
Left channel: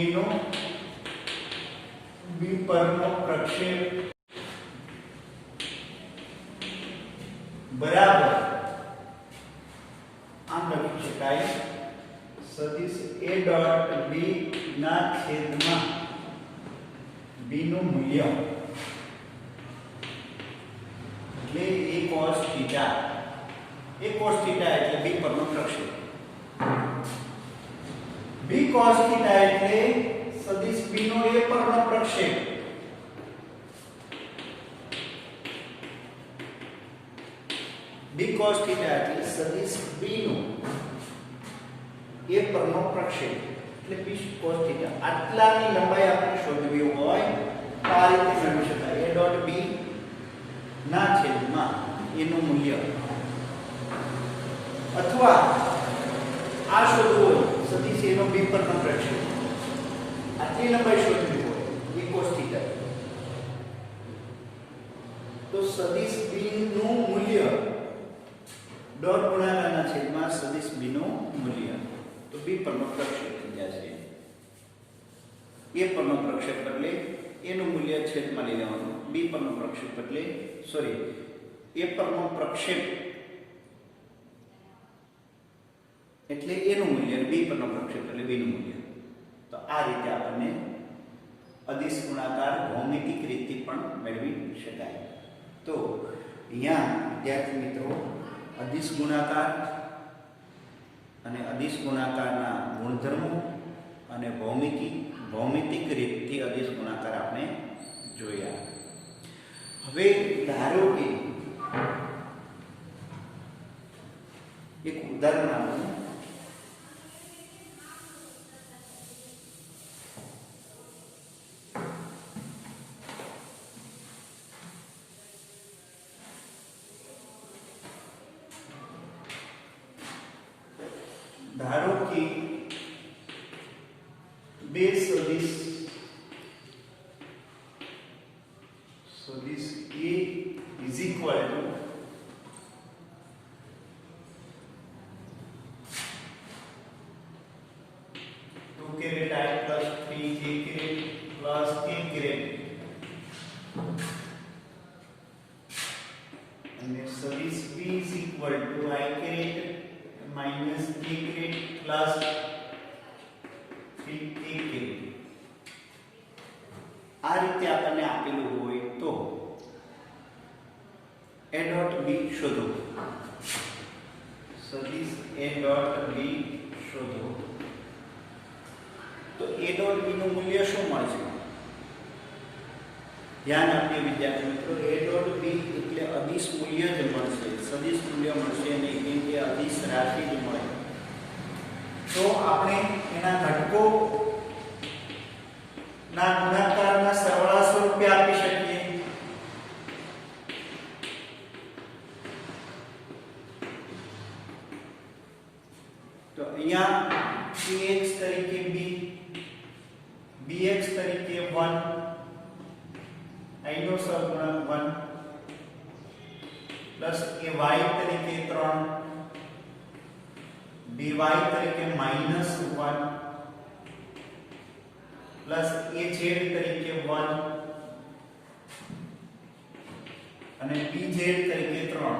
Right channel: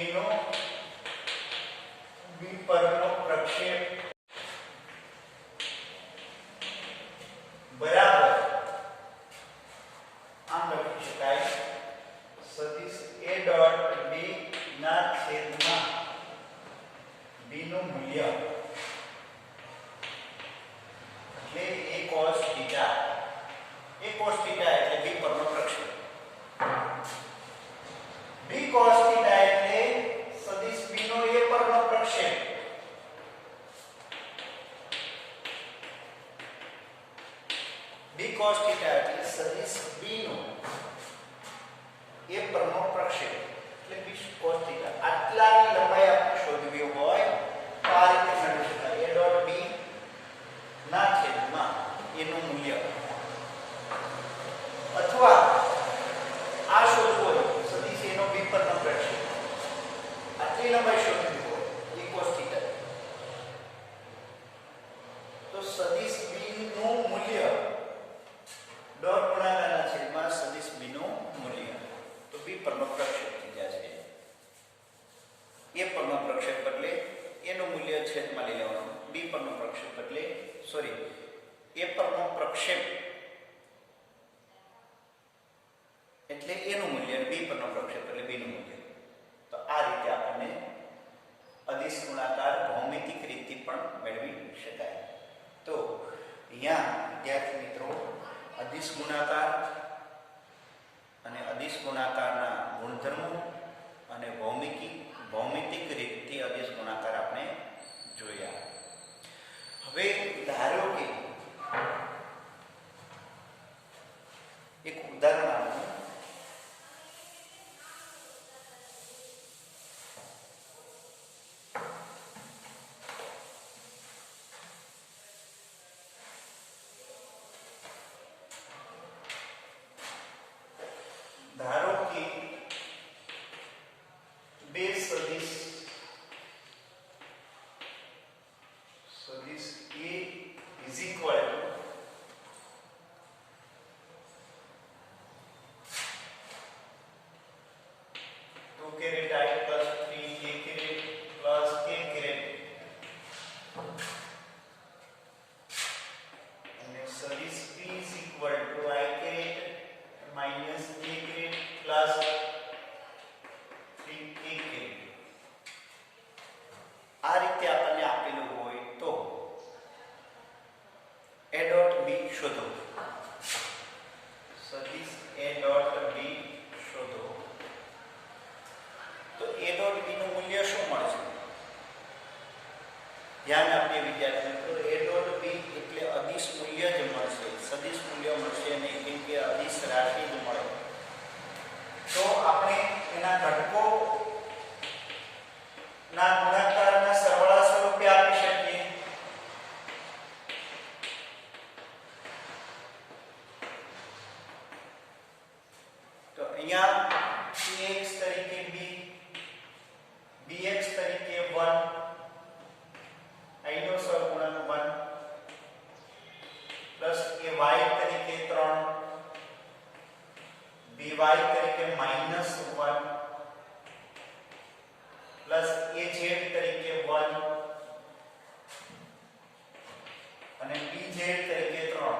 a નો b પરનો પ્રક્ષેપ બરાબર આમ લખી શકાય સદિશ a ડોટ b ના છેદમાં b નું મૂલ્ય એટલે a cos θ. a cos θ એટલે b પરનો પ્રક્ષેપ. b cos θ એટલે સદિશ b નો a પરનો પ્રક્ષેપ. b cos θ એટલે સદિશ b નો a પરનો પ્રક્ષેપ એટલે b cos θ. આટલાની લંબાઈ આપણે શોધવી હોય તો આ રીતે મેળવી શકાય a ડોટ b ના છેદમાં એનું મૂલ્ય. અથવા આ શોધવું હોય સદિશ a નો b પરનો પ્રક્ષેપ આટલી લંબાઈ શોધવી હોય a cos θ તો સદિશ b નું મૂલ્ય ડોટ ગુણાકારના છેદમાં સદિશ b નું મૂલ્ય. તો b પરનો પ્રક્ષેપ થઈ જશે. a પરનો પ્રક્ષેપ એટલે એનું મૂલ્ય છેદમાં લઈ લેવાનું. b પરનો પ્રક્ષેપ એટલે a પરનો પ્રક્ષેપ એટલે એનું મૂલ્ય, b પરનો પ્રક્ષેપ એટલે b નું મૂલ્ય. તો આ રીતે આપણને અદિશ ગુણાકાર ભૌમિતિક રીતે પણ મેળવી શકાય. તો અહીંયા વિદ્યાર્થી મિત્રો અદિશ ગુણાકાર અને અદિશ ગુણાકારના ગુણધર્મો અને ભૌમિતિક રીતથી અદિશ ગુણાકાર આપણે જોયા. હવે ધારો કે એક ઉદાહરણ આપું. ધારો કે બે સદિશ equal to 2 caret I plus 3j caret plus k caret and service b is equal to I caret minus k caret plus 3k caret. આ રીતે આપણને આપેલું હોય તો a dot b શોધો. સદિશ a dot b શોધો. તો a dot b નું મૂલ્ય શું મળશે? ધ્યાન આપીએ વિદ્યાર્થી મિત્રો, a dot b એટલે અદિશ મૂલ્ય જ મળશે, સદિશ મૂલ્ય મળશે નહીં, કેમ કે અદિશ રાશિ જ મળે. તો આપણે એના ઘટકો ના ગુણાકારના સરવાળા સ્વરૂપે આપી શકીએ. તો અહીંયા px તરીકે b, bx તરીકે 1, i નો સહગુણક 1 પ્લસ ay તરીકે 3, by તરીકે -1 પ્લસ az તરીકે 1 અને bz તરીકે 3.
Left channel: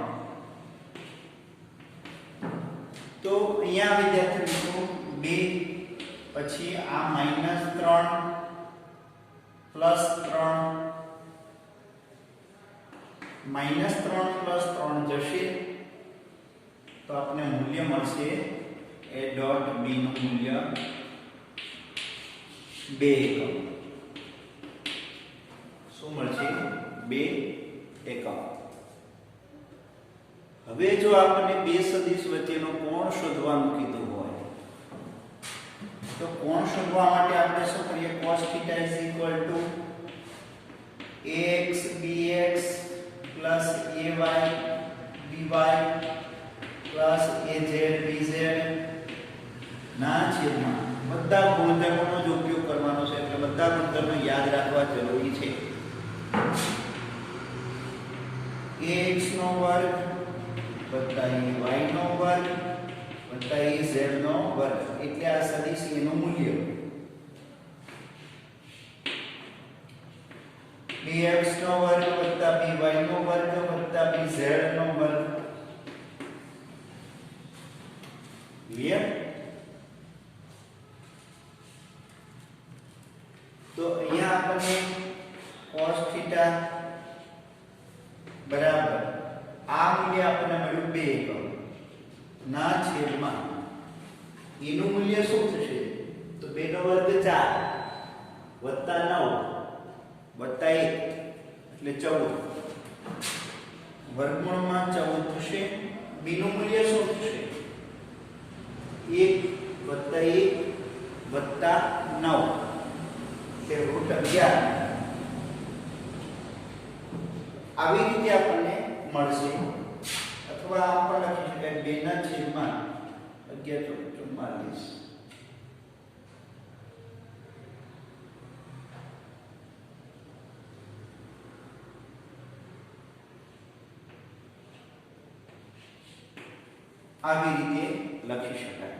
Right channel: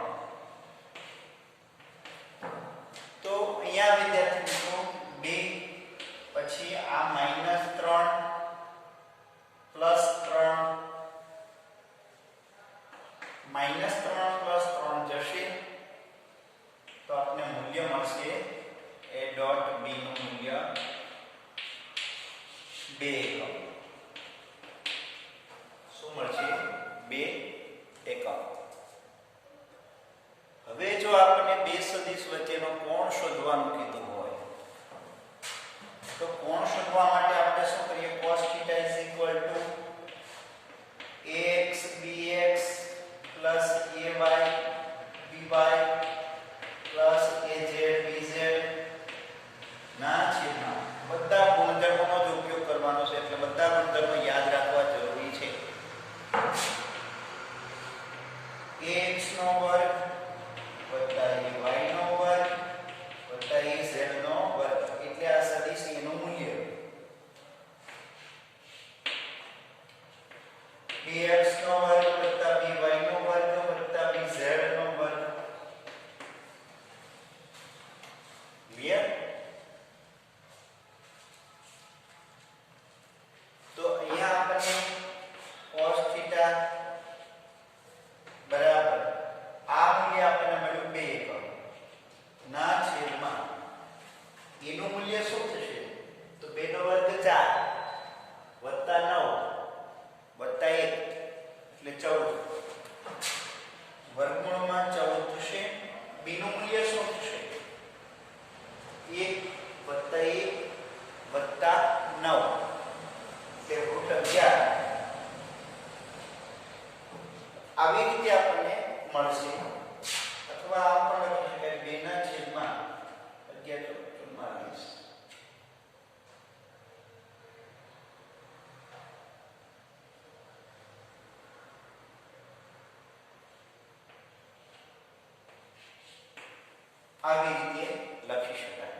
તો અહીંયા વિદ્યાર્થી મિત્રો 2 પછી આ -3 પ્લસ 3 -3 પ્લસ 3 જશે તો આપણે મૂલ્ય મળશે a dot b નું મૂલ્ય 2 એકમ. શું મળશે? 2 એકમ. હવે જો આપણે બે સદિશ વચ્ચેનો કોણ શોધવાનું કીધું હોય તો કોણ શોધવા માટે આપણે શું કરીએ? cos θ ax bx plus ay by plus az bz ના છેદમાં બધા ગુણધર્મોનો જ ઉપયોગ કરવાનો છે, એટલે બધા ગુણધર્મો યાદ રાખવા જરૂરી છે. ax નો વર્ગ વત્તા ay નો વર્ગ વત્તા az નો વર્ગ એટલે આ સદિશ એનું મૂલ્ય bx નો વર્ગ વત્તા by નો વર્ગ વત્તા bz નો વર્ગ. ક્લિયર? તો અહીંયા આપણને cos θ બરાબર આ મૂલ્ય આપણને મળ્યું 2 એકમ ના છેદમાં એનું મૂલ્ય શું થશે? તો 2 નો વર્ગ 4 વત્તા 9 વત્તા 1 એટલે 14 વર્ગમૂળમાં 14 થશે. b નું મૂલ્ય શું થશે? 1 વત્તા 1 વત્તા 9 એટલે √11. આવી રીતે આપણને મળશે, અથવા આપણે લખી શકાય 2 ના છેદમાં 11 આવી રીતે લખી શકાય.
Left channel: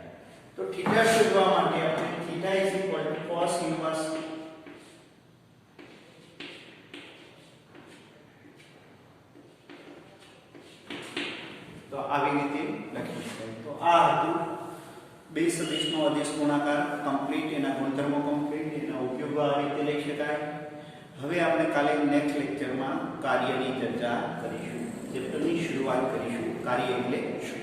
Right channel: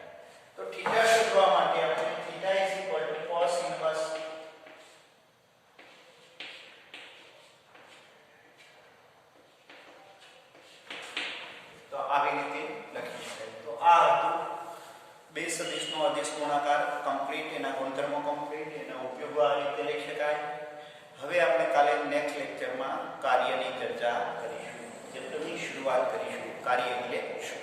તો થીટા શોધવા માટે આપણે થીટા cos ઇન્વર્સ તો આવી રીતે લખી શકાય. તો આ હતું બે સદિશનો અદિશ ગુણાકાર કમ્પ્લીટ, એના ગુણધર્મો કમ્પ્લીટ, એના ઉપયોગો આ રીતે લઈ શકાય. હવે આપણે કાલે નેક્સ્ટ લેક્ચરમાં કાર્યની ચર્ચા કરીશું. ચેપ્ટરની શરૂઆત કરીશું. કાર્ય એટલે શું?